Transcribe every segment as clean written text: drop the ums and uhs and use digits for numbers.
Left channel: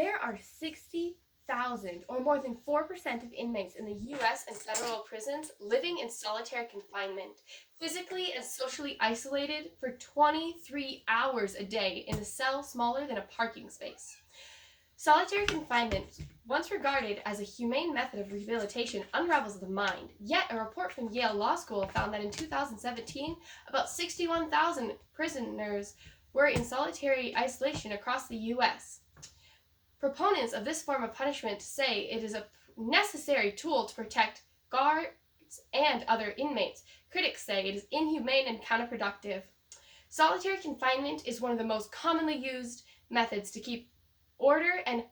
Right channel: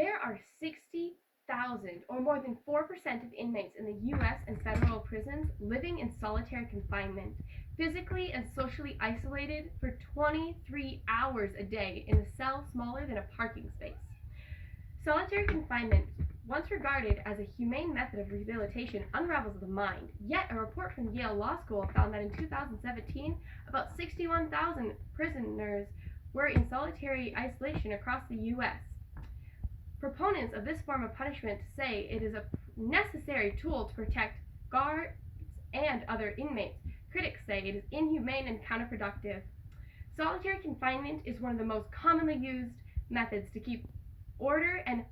There are 60,000, or more than 4% of inmates in the U.S. and federal prisons living in solitary confinement, physically and socially isolated for 23 hours a day in a cell smaller than a parking space. Solitary confinement, once regarded as a humane method of rehabilitation, unravels the mind. Yet, a report from Yale Law School found that in 2017, about 61,000 prisoners were in solitary isolation across the U.S. Proponents of this form of punishment say it is a necessary tool to protect guards and other inmates. Critics say it is inhumane and counterproductive. Solitary confinement is one of the most commonly used methods to keep order and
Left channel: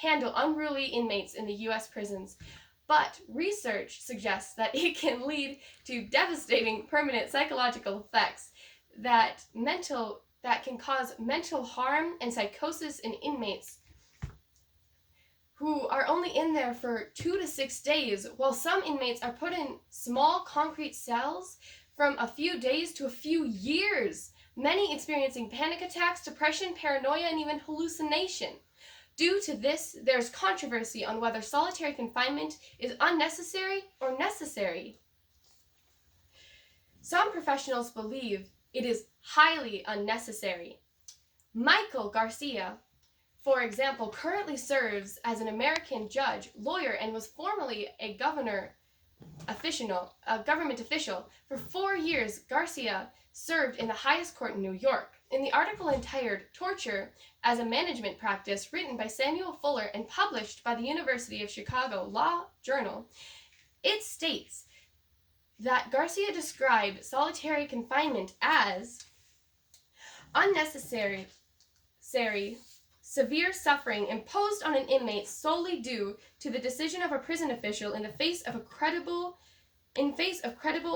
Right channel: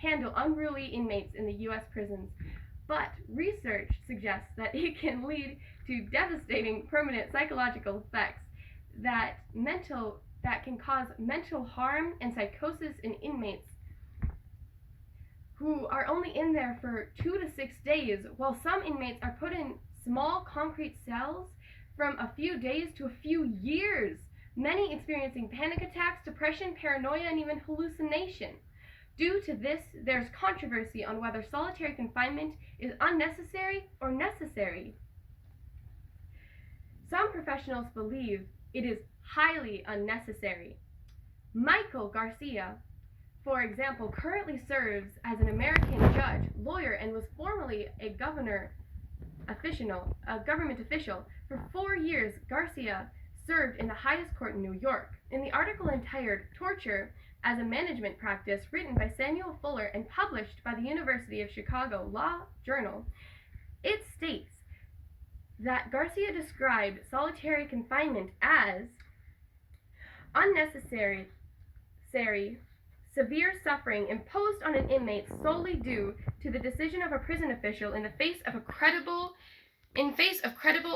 handle unruly inmates in the U.S. prisons, but research suggests that it can lead to devastating permanent psychological effects that can cause mental harm and psychosis in inmates who are only in there for 2 to 6 days, while some inmates are put in small concrete cells from a few days to a few years, many experiencing panic attacks, depression, paranoia, and even hallucination. Due to this, there's controversy on whether solitary confinement is unnecessary or necessary. Some professionals believe it is highly unnecessary. Michael Garcia, for example, currently serves as an American judge, lawyer, and was formerly a government official. For 4 years, Garcia served in the highest court in New York. In the article entitled Torture as a Management Practice, written by Samuel Fuller and published by the University of Chicago Law Journal, it states that Garcia described solitary confinement as unnecessary, severe suffering imposed on an inmate solely due to the decision of a prison official in the face of credible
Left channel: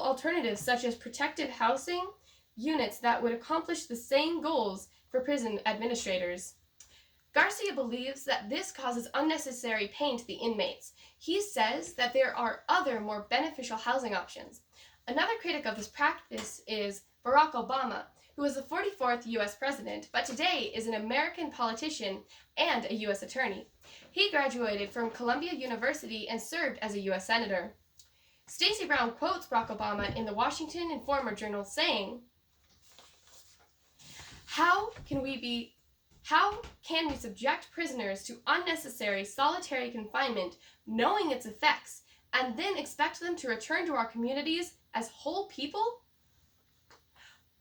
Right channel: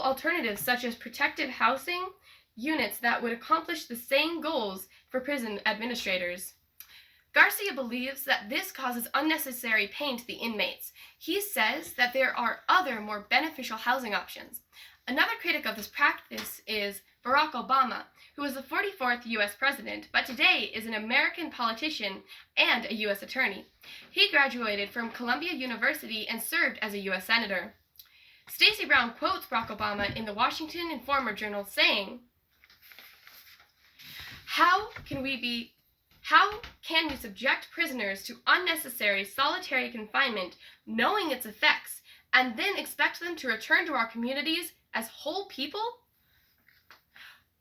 alternatives such as protective housing units that would accomplish the same goals for prison administrators. Garcia believes that this causes unnecessary pain to the inmates. He says that there are other more beneficial housing options. Another critic of this practice is Barack Obama, who was the 44th U.S. president, but today is an American politician and a U.S. attorney. He graduated from Columbia University and served as a U.S. senator. Stacey Brown quotes Barack Obama in the Washington Informer Journal saying, How can we subject prisoners to unnecessary solitary confinement, knowing its effects, and then expect them to return to our communities as whole people?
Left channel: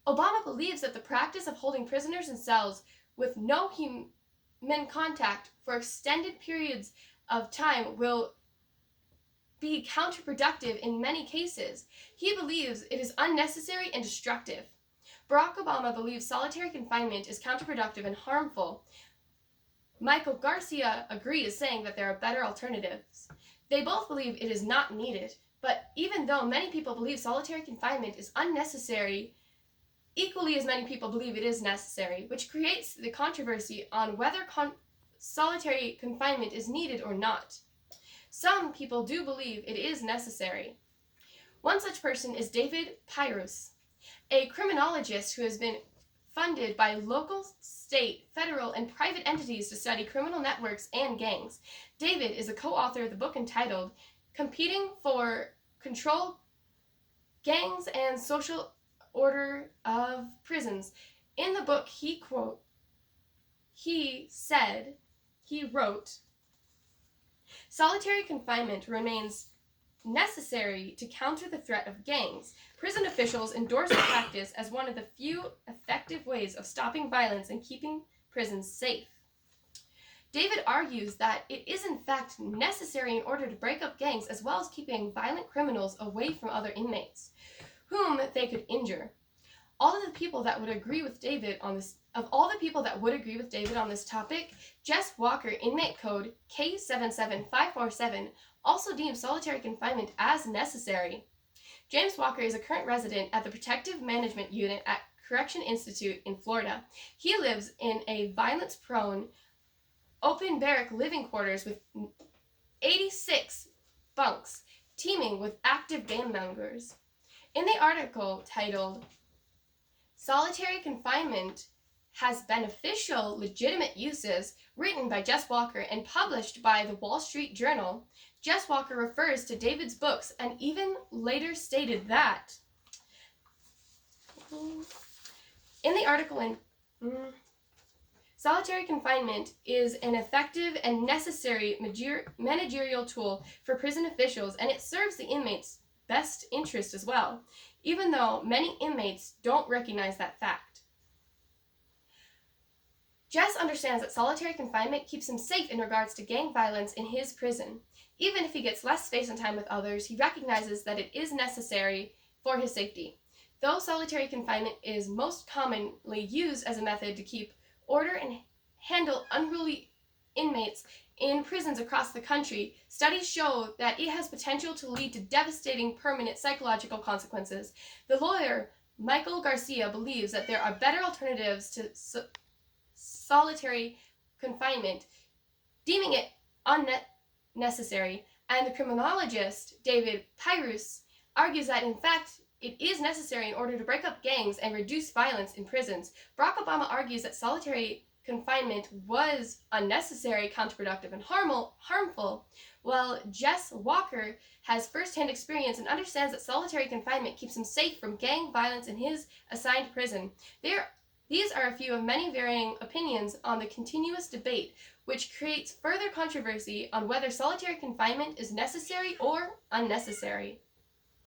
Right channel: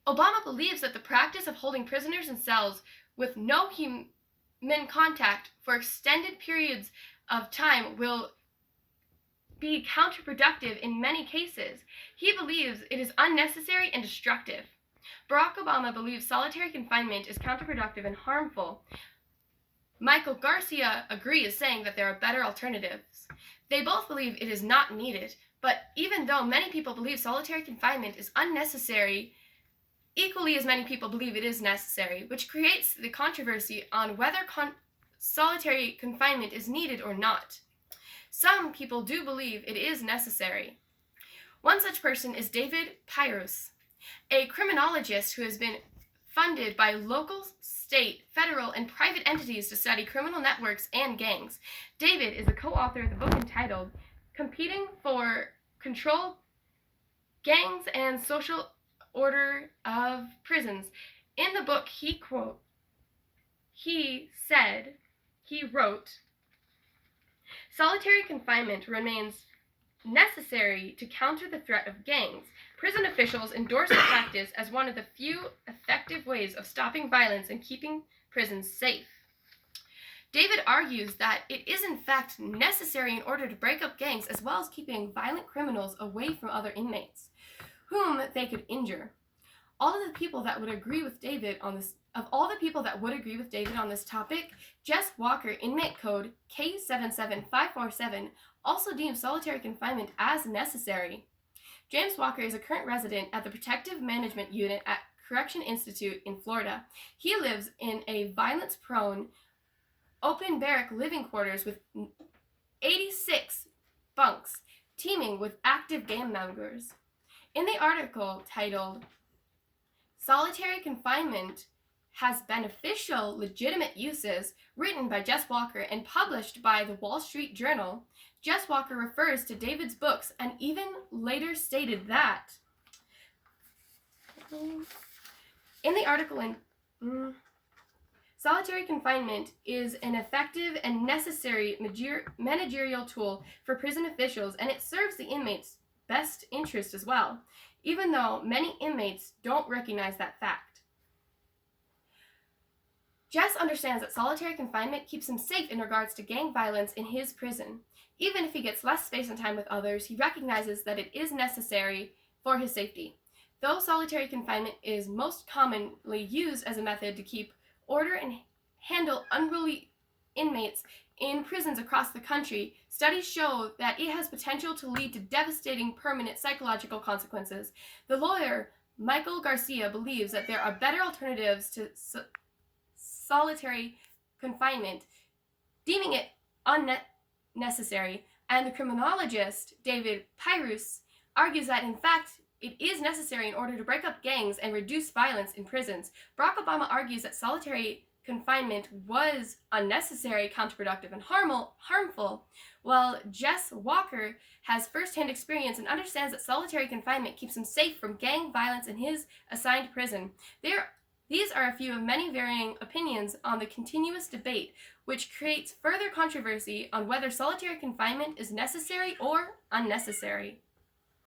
Obama believes that the practice of holding prisoners in cells with no human contact for extended periods of time will be counterproductive in many cases. He believes it is unnecessary and destructive. Barack Obama believes solitary confinement is counterproductive and harmful. Michael Garcia agrees, saying that there are better alternatives. They both believe it is not needed, but even though many people believe solitary confinement is unnecessary, equally as many people believe it is necessary, which creates the controversy on whether solitary confinement is needed or not. Some people do believe it is necessary. One such person is David Pyrus, a criminologist who has been funded by local, state, federal, and private entities to study criminal networks and gangs. David is a co-author of the book entitled Competing for Control, Gangs and Social Order of Prisons. In the book, he wrote, solitary confinement remains necessary to counter the threat of gangs. Prison officials endorse the practice as one of the few effective ways of stopping violence and keeping prisons safe. David argues that it is in fact necessary in order to break up gangs as well as keeping violent criminals away from other inmates whom they could injure. All of the people that would agree with David on this topic, Jess Walker, inmate code K77547, also deems solitary confinement as necessary. James Walker is a current resident at the Protective Management Unit at Correction Institute in Florida. He lives in a violence-prone, open barrack living quarters with 86 bunks, teeming with active gang members. In the article titled Solitary Confinement has beneficial, legitimate uses, written by Jess Walker and published by the Wall Street Journal. Jess Walker refers to David's books and even later stated that in the article solitary confinement is an effective and necessary managerial tool for prison officials, and it serves the inmates' best interest as well, even though many inmates don't recognize that fact. Jess understands that solitary confinement keeps him safe in regards to gang violence in his prison. Even if he gets less space and time with others, he recognizes that it is necessary for his safety. Though solitary confinement is most commonly used as a method to keep order and handle unruly inmates in prisons across the country, studies show that it has potential to lead to devastating permanent psychological consequences. The lawyer, Michael Garcia, believes that there are better alternatives to solitary confinement, deeming it unnecessary, and the criminologist, David Pyrus, argues that in fact it is necessary in order to break up gangs and reduce violence in prisons. Barack Obama argues that solitary confinement was unnecessary, counterproductive, and harmful, while Jess Walker has first-hand experience and understands that solitary confinement keeps him safe from gang violence in his assigned prison. These are a few of many varying opinions on the continuous debate, which creates further controversy on whether solitary confinement is necessary or unnecessary.